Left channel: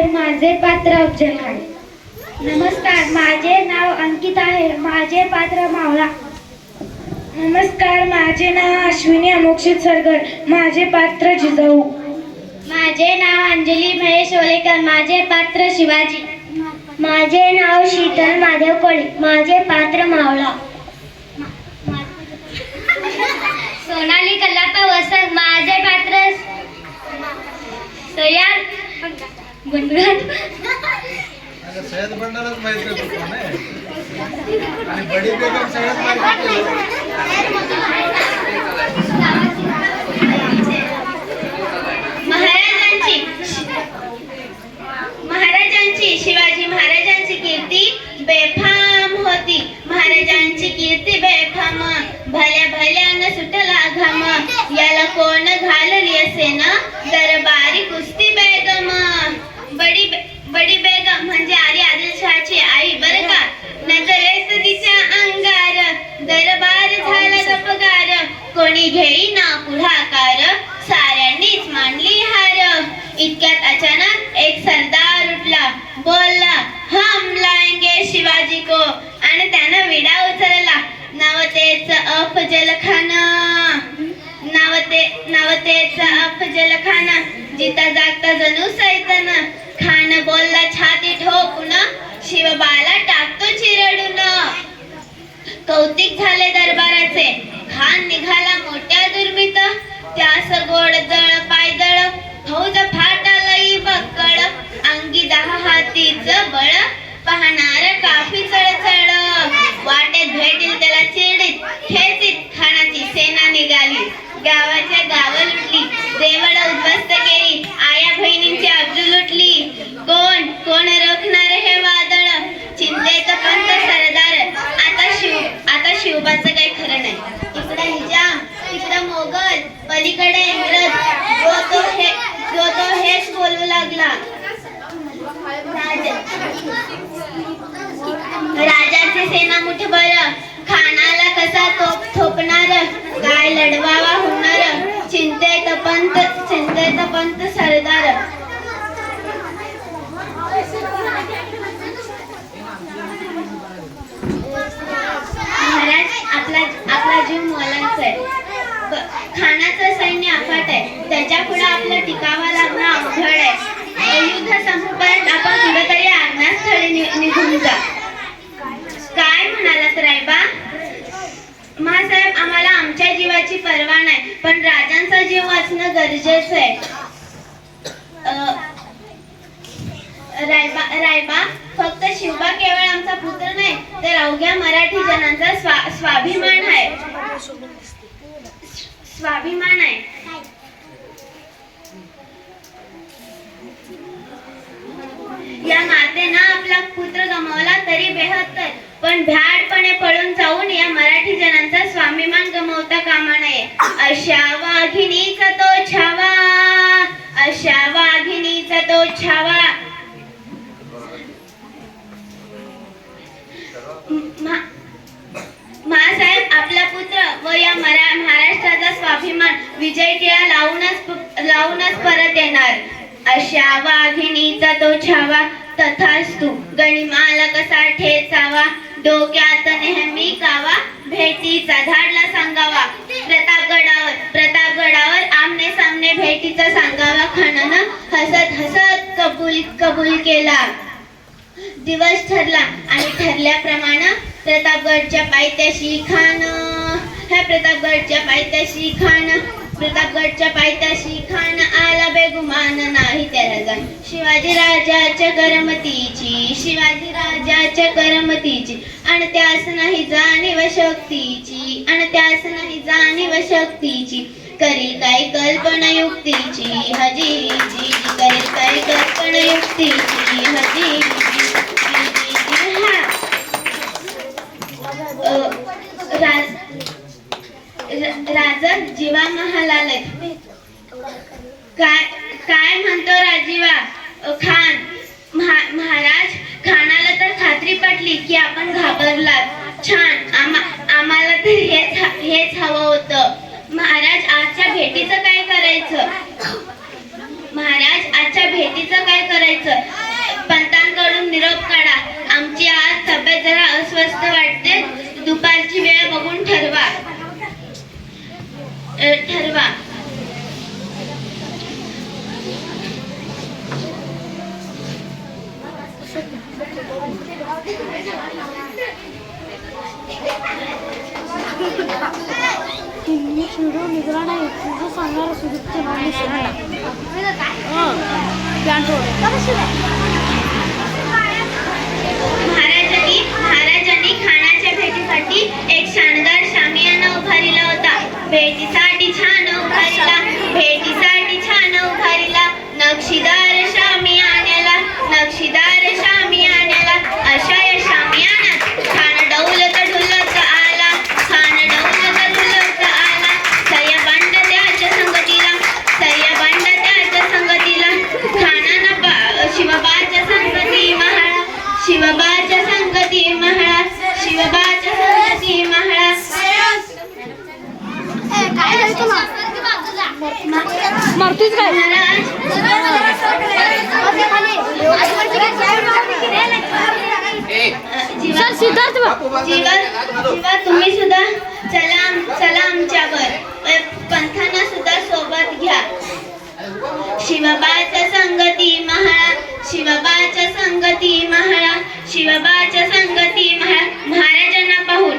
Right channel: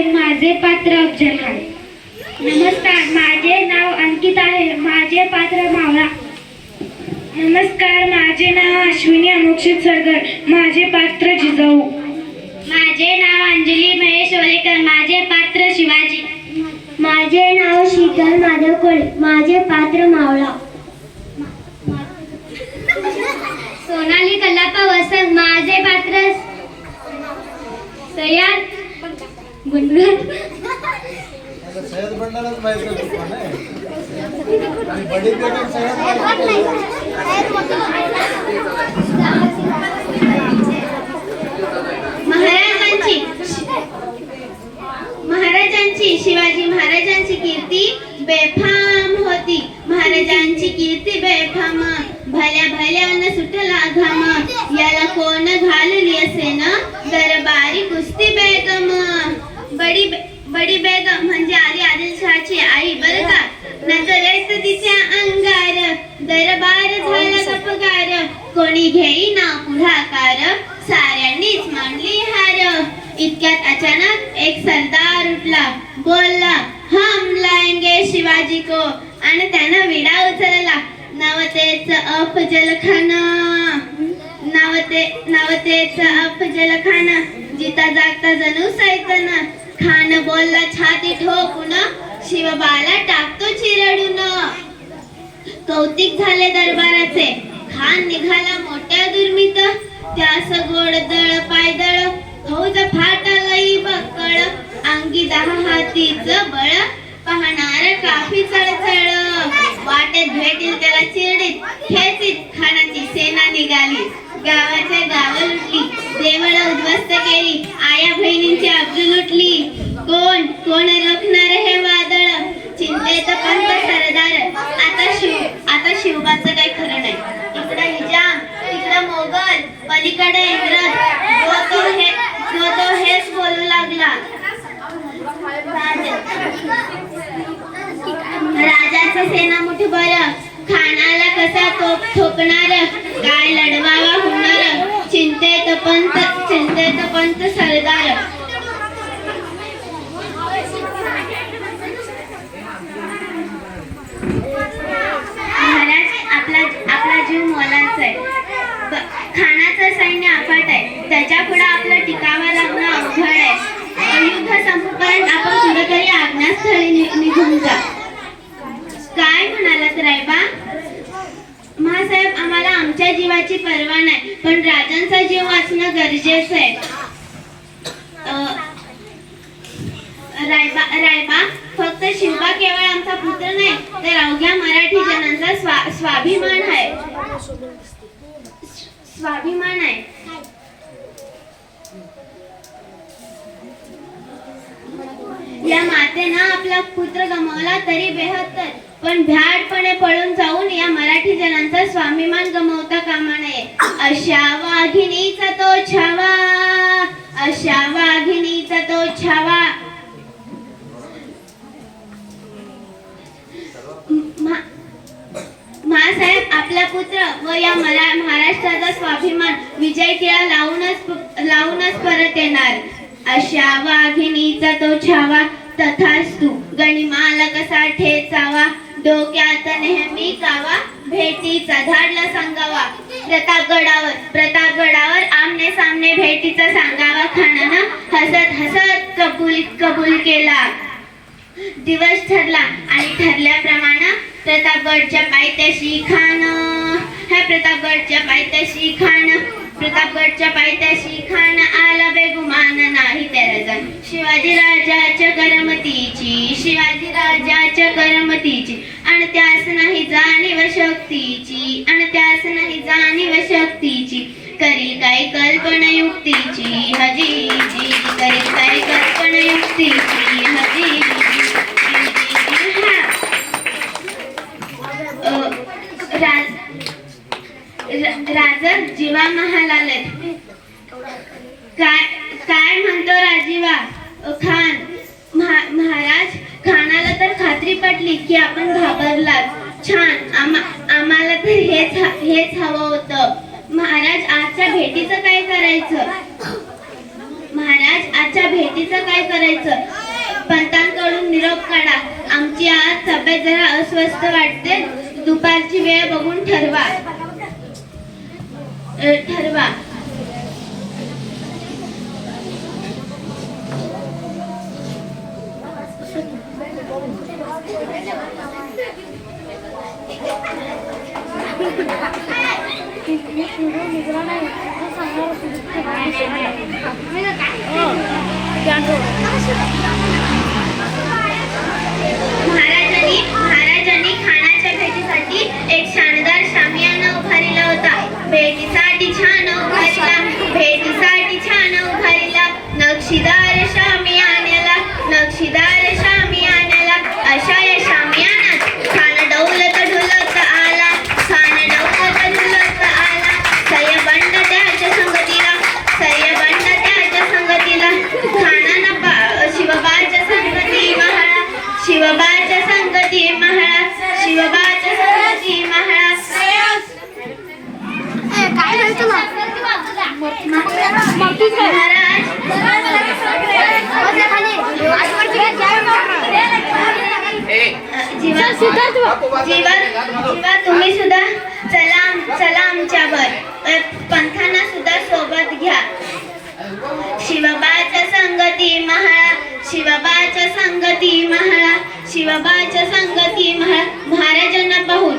आहे. माझे पात्र अफजल खान. नमस्कार, माझे नाव अंकित आहे. माझे पात्र मावळा. नमस्कार, माझे नाव अश्विनी अमोक्षित सरगर. माझे पात्र जिजाऊ. माझे नाव अंजली महेश ओलेकर. माझे पात्र शिवाजी. माझे नाव शीतल माधव कोळी. माझे पात्र मावळा. सोनाली कल्लापा वसंत. माझे पात्र सय्यद गुणगुण. सय्यद बंडालाच माहित का कोण आहे आणि बडी बेगम सय्यद महाराजांची शिवाजी महाराजांची कीर्ती बेफाम होती. महाराजांची कीर्ती बेफाम. भल्या भल्यानं सुटला घाम. याला कोण घालली असे ना दरबारी कुस्ती बेगम. बडी बेगम म्हणजे आली आदिलशहाची आई बरं का. नजरेस तिच्या अंगार दरबार झाला गपगार. कोणी घेईना पुढाकार साऱ्यांनीच मांडली हार. इतक्यात अचानक एक सरदार उठला. बोलला, हम लाएंगे शिवाजी को. आणि त्यानं विडा उचलला. नावतेच अफजल खान. नावतेच अफजल खान. जिता जागता जणू सैतान. खान बोलला छाती ठोकून, शिवबाला टाकतो चिरडून. कौतिक झाले दरबाराचे. खान निघाला मोठ्या दुर्मित. त्यास गोडदळ पायदळ फौज फाटालई बक्कळ. अंगी 10 हातीच बळ. पाहणार काफी चळचळ. वाटेत भेटील त्याला चिरडीत खेचीत खानाची सेना निघाली. गावाच्या गाव लुटली. देवळ उद्ध्वस्त केली. आया बहिणींची अब्रू लुटली. कोण रोखणार हे वादळ. चिंतेचं पंत सरदार. आता शिवबाचं काही खरं नाही. इकडं हिजाम, तिकडं मोगल, पलीकडे इंग्रज. जो तो हेच बोलू लागला. राजाचे सेना मुठभर. खानाला कसा तोप ठोकणार. काय लढवावा होणार. चिंतेत पंत सरदार. महाराज, आपला जीव मोलाचा आहे. खानाचं सैन्य अफाट आहे. त्याच्या पुढे आपलं टिकावं लागणं अवघड आहे. युद्ध संपेपर्यंत आपण कुठेतरी आज्ञास्थळी निघून जा. काय म्हणालात रायबा? महासाहेब, आम्हाला आमच्या जीवाची पर्वा नाही, पण राजांचा जीव वाचणं गरजेचं आहे. रायबा, फक्त शिवबा केवळ आमचा पुत्र नाही, तर अवघ्या मराठी जनांचा स्वाभिमान आहे. या मातेनं आपला पुत्र गमावला तरी बेहत्तर, पण भ्याडपणे पळून जाऊन या मराठी जनांचा स्वाभिमान गमावता कामा नये. अशा वाघिणीचा तो छावा. अशा वाघिणीचा तो छावा. महासाहेब, आपला पुत्र व या महाराष्ट्राचा स्वाभिमान विजय टिळा लावूनच परत येणार. अशा वाघिणीचा तो छावा. तथास्तु. गणिमाला कसा ठेचावा. डोक्यात नेहमी कावा. भेटीचा धाडला सांगावा. प्रतापगडावर आमने सामने भेटीचा सांगावा. खानानं हसत कबूल केला. दिवस ठरला आणि ठरल्याप्रमाणे प्रतापगडच्या पायथ्याशी खान आला बेगुमान नाही त्याला जाण. शिवाजी राजाच्या करमतीची आणि त्यास नाही जाणीव शक्तीची. करील काय कल्पना युक्तीची हजीजी. राजा जीवा महालाल. काय म्हणतो राजीवा? खान महाराज, खानाला तर खात्री पटली की आपण घाबरलात. छान. आम्हाला तर हेच हवं होतं. महाराज, आजच्या भेटीचं काय करायचं? महाराज, आजच्या भेटीचं दुसरं काय करायचं. पंतांकडून निरोप काढा. आमची आज तब्येत जरा अस्वस्थ वाटते. दुपारची वेळ बघून ठरवा. महाराजांनी खाण्याच्या भेटीसाठी एक शानदार शामियाना उभारिला होता. भेटीसाठी छान उभारिला नक्षीदार शामियान्याला अशा या शामियानात खान डौलत ढुलत आला. सयबंड त्याच्या संगतीला खानाना शिवबाच्या संगती महाळा. जीवा तुम्ही सुद्धा चला आमच्यावर. पंथांना सुद्धा सोबत घ्या. शिवबाच्या संगती महाळा. महाराजांना पाहून